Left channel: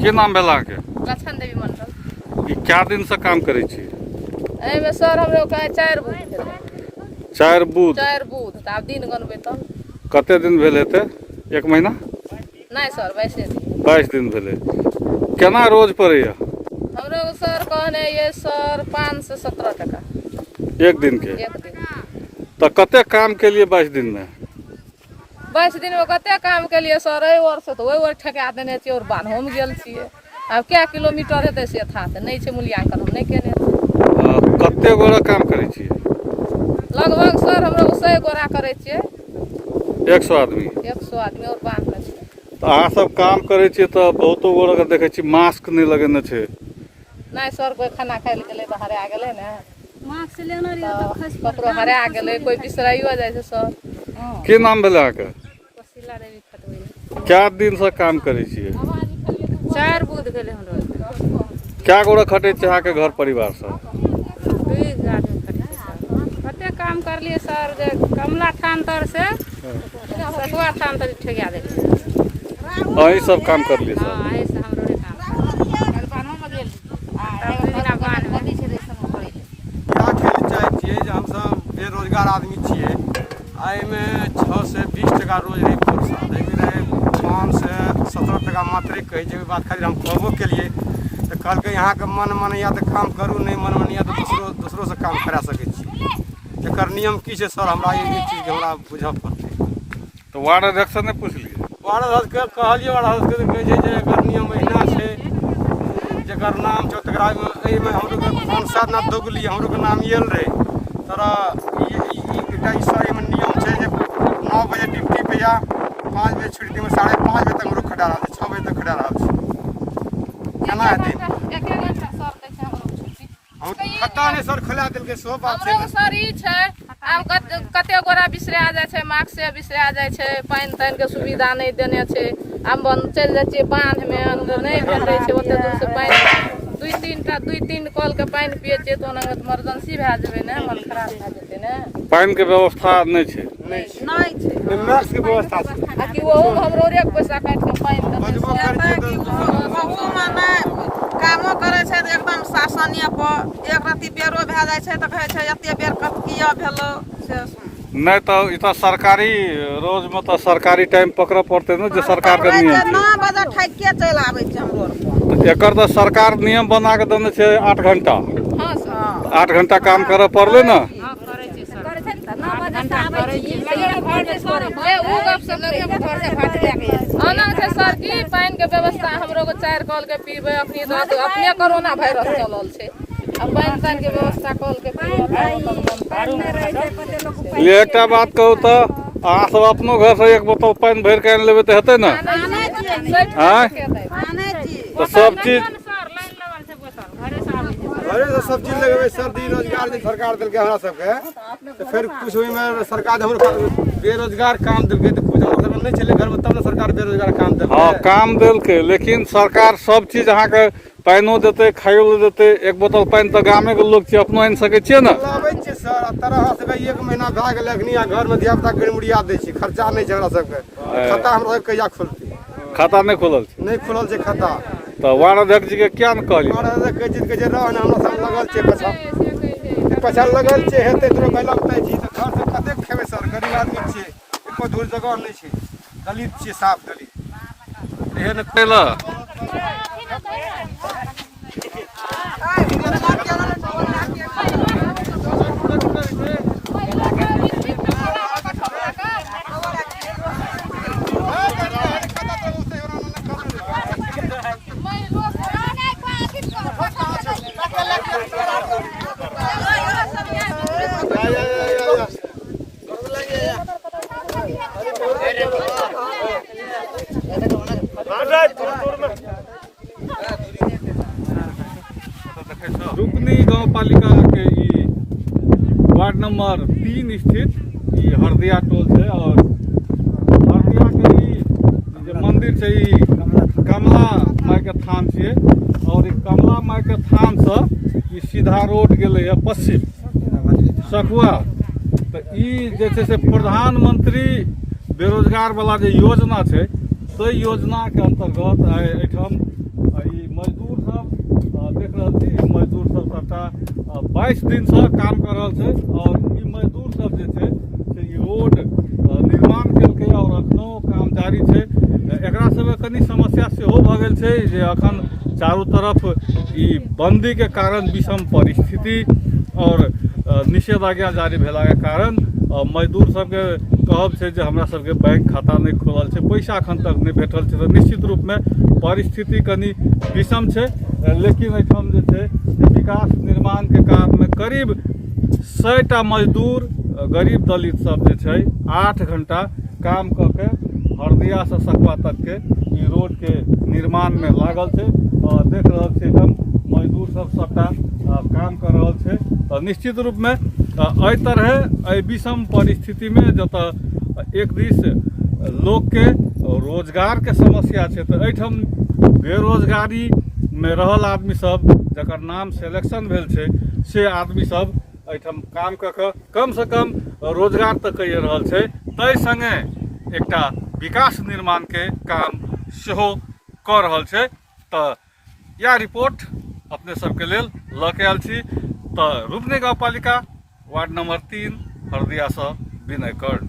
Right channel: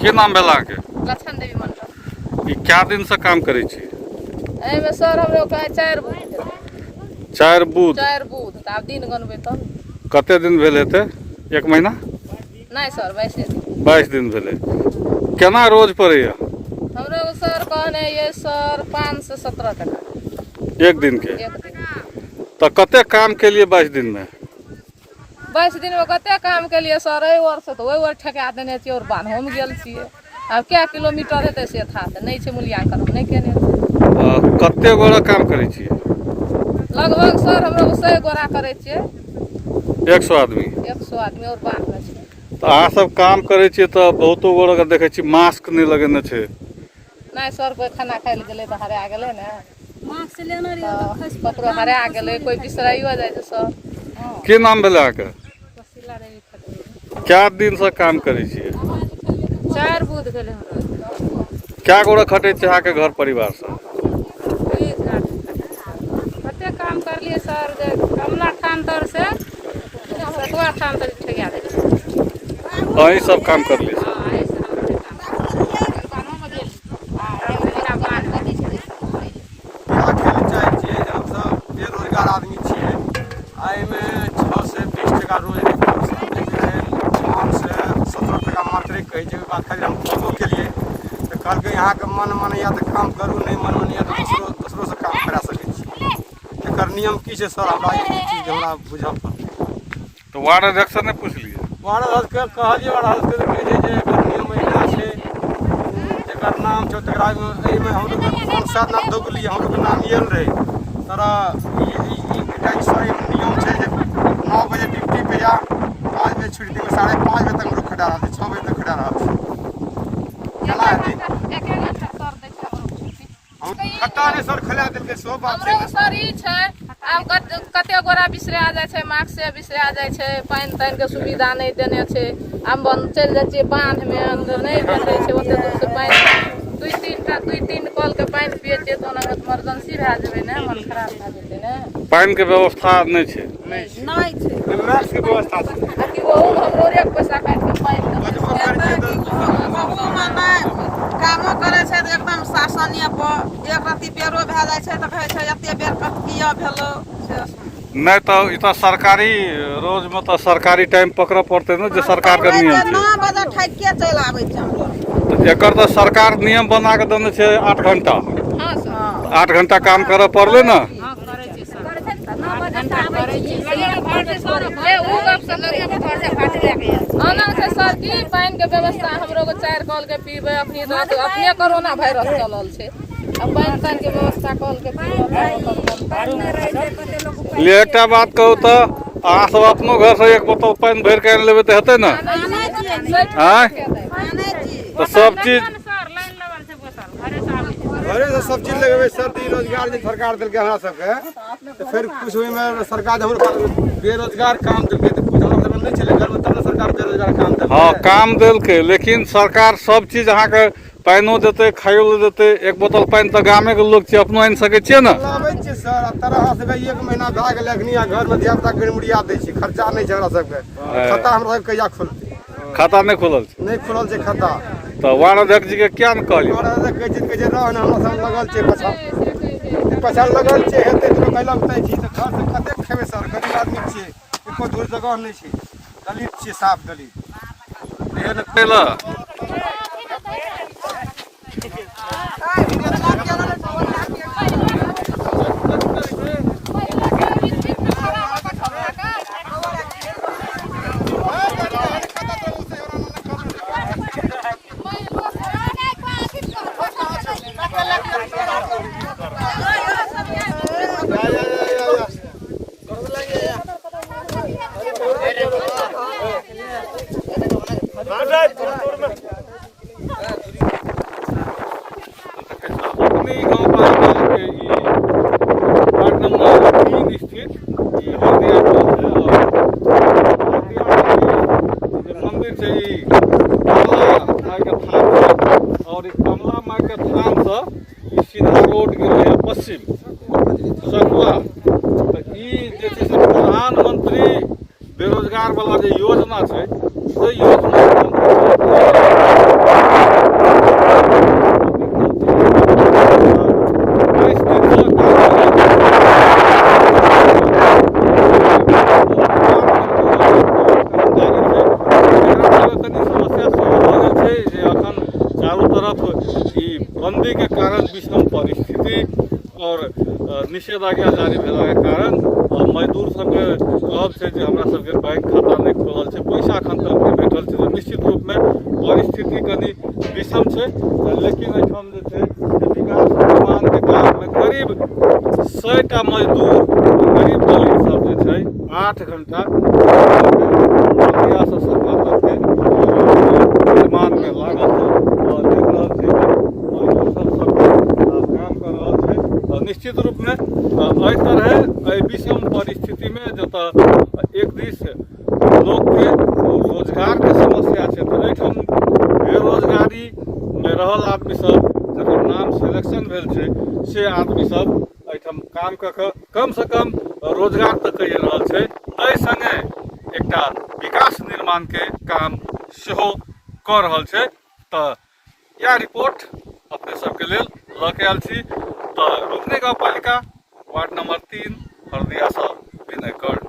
की नाम भेल अहाँके? लक्ष्मण देवी मंडल। ई क्या दिन से काम करे छी? एहिमे सर हमरो कहे 4 बूथ भेलै। 4 बूथ? 4 बूथ त आब दिन गनबै तब। कते दिन भेल हेतै? 1 महीना? नहीं सर 22 दिन। 22 दिन भेलै। केना रोज पड़ैया? हमरो सर कहने ये सर 5 से 17 टका एक दिन के? एक दिन। तो कते काम के लिए 22 दिन में? 22 दिन में कते काम के लिए सर? एहि ओर से तो ओहि ओर ठका देने छियै और बान्हो में गेल छियै। अब क्या किलोमीटर हेतै से था से नहीं छै मूल्यांकन हम नहीं केने छियै। कते गोरा काम करे छियै? लगभग सर हमरो 100 गोरा करे छियै। 100 आदमी? 100 आदमी और बांध लै छियै। तो अहाँ सब काम करे छियै तो बहुतो गोरा के देखे छी मास्क नहीं लगेने छै। नहीं सर कोई खाना खाय ले गेलै तो हरा गेलै ने। मास्क लेने रहियै तो ककरो हरा गेलै, कोई बिसराइयो जाइ छै सर। की नाम भेलै अहाँके? वसीला देवी खटबै। क्या दिन से काम करे छियै? 4 बूथ भेलै हमरो। क्या गोरा खटे छै अहाँके घर परिवार से? 20 आदमी कते काम करलियै सर? जे कमला थान तर से सतवा थान तक ठेका देलियै। अहीं सब काम करलियै सर? हां एहि से हमरे काम बान्हो में गेल आ मेरा बांध कथी छै दै सब करे क्या खेल चाहे छियै जे हम सब बेरोजगार आदमी छियै। आय में 6 से 20 टका रोज रे 5 से 17 टका मात्र कहै छै। बात खाली हम कहबो केलिए तो कहलकै यहाँ के मन या तो काम करू, नहीं मन या तो दूसरो से काम करा सकै छी। एकर नियम की छै सर? हमरा ई चीज हमरा बुझऽ पड़तै। तो वार्ड अध्यक्ष से नहीं पूछलिए? वार्ड अध्यक्ष के कहलिए, वार्ड अध्यक्ष के कहै छै जे एकर नियम एना छै, जेकर नाम छौ तकरा एहिमे हमरो के 5-7 नाम दोगली हमरो के नाम आयल रहे। तोरा ई सर एमे नियम छै जे 9 बजे ड्यूटी पे जा, 5 बजे छुट्टी में 5:30 बजे तक हमरो खड़ा रहते, 6 बजे तक खड़ा रहते। केना हेतै? हम खट्टा नहीं सर खिला देलकै सो बात छै। हमरो सर ई छै आब कते गोरा बिसरा जाइ छै, मास्क से बिसरा जाइ छै, पानि तानि के सुविधा नहीं देने छै। हम चल जाइ छियै बांध में अंदर नहीं भेटै छै ओते दूर से पानि। 2-3 कल के पानि पियै छियै तो ओना इमरजेंसी भए जेबै ने, मन खराब भए जेतै ने। पानि के व्यवस्था नहीं छै? नहीं छै नर्स के व्यवस्था छै कि वो हमरो रे पैसा काट के पानि कहू में नहीं कामो करे छै तो एकदम शासनीय पर एक रत्ती बेरो भए जाइ छै तो कहै छै एते बेर किया भेलो से। नहीं तो इतना सरकारी रोज में तो सरकारी टाइम पकड़ पड़ते ना जो सरकार का नियम छै। 9 बजे ठकिए चलि आबै छै हमरो। तो एकर तो सरकार नियम बना के देने छै 8 घंटा। हां सर 8 घंटा काम करे पड़ले ना? हां करे छै सर 9 घंटा करे छै। ले उ गप से लगे घर से काट लेके आना छै सर की पानि के व्यवस्था हमरो को 4 कल के पीबै अखनी तो अपने कोरोना वायरस चलल छै। अब पानि तानि के व्यवस्था कल के ले एकटा बात कहू तो अहाँ सब अपनो घर से एक बोतल पानी भर के आनि लेबै तो हेतै ना? हाँ तो सब चीज घरे से सब चीज लगेबै सर। रोजगार जे सरकार देलकै हमरा सबके तो फिर कुछ ओहिमे सरकार हमरो बेरोजगार काम देलकै तो कुछ हमरा सबके नहीं चले घर में, तब ना सरकार बेरोजगार काम देलकै। हाँ काम देलकै लेकिन सरकार सब चीज अहाँ के पानिओ देते खाइयो देते। 1 बोतल पानी तो गामे के लोग छियै अपनो आनि सकै छियै ना? लाबै छियै सर तरह से 1 महीना भए गेलै अखनी घर में धिया पुता गड़मुड़िया दै छी, खर्चा नहीं छै हमरा सबके। खाता हमरा सबके कहिया खुलतै? खाता नहीं खुलल छै? नहीं खुलल छै खाता। तो वार्ड अध्यक्ष जी के क्या न कहलिए? वार्ड अध्यक्ष कहै छै रह ने हमरा सब लगल छै पछा लगल छै हेतै तो भाई लगतै छी तो घर से कते खेबै सर? गरीब आदमी छियै, एको दूर जगह नहीं छै, दलित छियै, साफ दलित। एहन कैला नंबर 3 स्थित ये हरदिया टोल है। और हरदिया के जो मंदिर है ई कमला माई के थान से, और ई कमला माई के थान से ई सीधा रोड गेले पश्चिम सकुआ। तो ई जे छै से प्रधानमंत्री बेरोजगार वाला जे योजना छै से योजना के अंतर्गत 22 दिन से काम कर तनी समस्या सेहो भऽ गेल छै जे अखन चारू तरफ ई बंदी के कारण विषम परिस्थिति और निषेधाज्ञा जारी भेला के कारण मजदूर सबके कहब छै जे हमरा सबके बैंक खाता नहीं खोलल छै, पैसा अखन तक नहीं भेटल छै। तो निश्चित रूप में परिस्थिति कनी विषम छै। लेकिन एहिठाम जे छै विकास निर्माण के काम में करीब 100टा मजदूर गरीब दलित सब जे छै 8 घंटा हरदिया से सकुआ तक के निर्माण में लागल छै और देख रहल छियै मजदूर सब सबके काम कर रहल छै। निश्चित रूप में एहि तरह विषम परिस्थिति में जतऽ एक दिस लोग के रोजगार के समस्या छै, तो एहिठाम बेरोजगारी में रहल आदमी सब जकर नाम सिलेक्शन भेल छै से आदमी सब एहिठाम काम कऽ कऽ कम से कम रोजगार तऽ कहि रहल छै। एहि संगे एकटा विकास निर्माण के काम सेहो कऽ रहल छै। तऽ यह रिपोर्ट अपने सबके लेल लऽ के आयल छी। तो रुकने गाँव पालिका वार्ड नंबर 3 हरदिया से विनय कर्ण।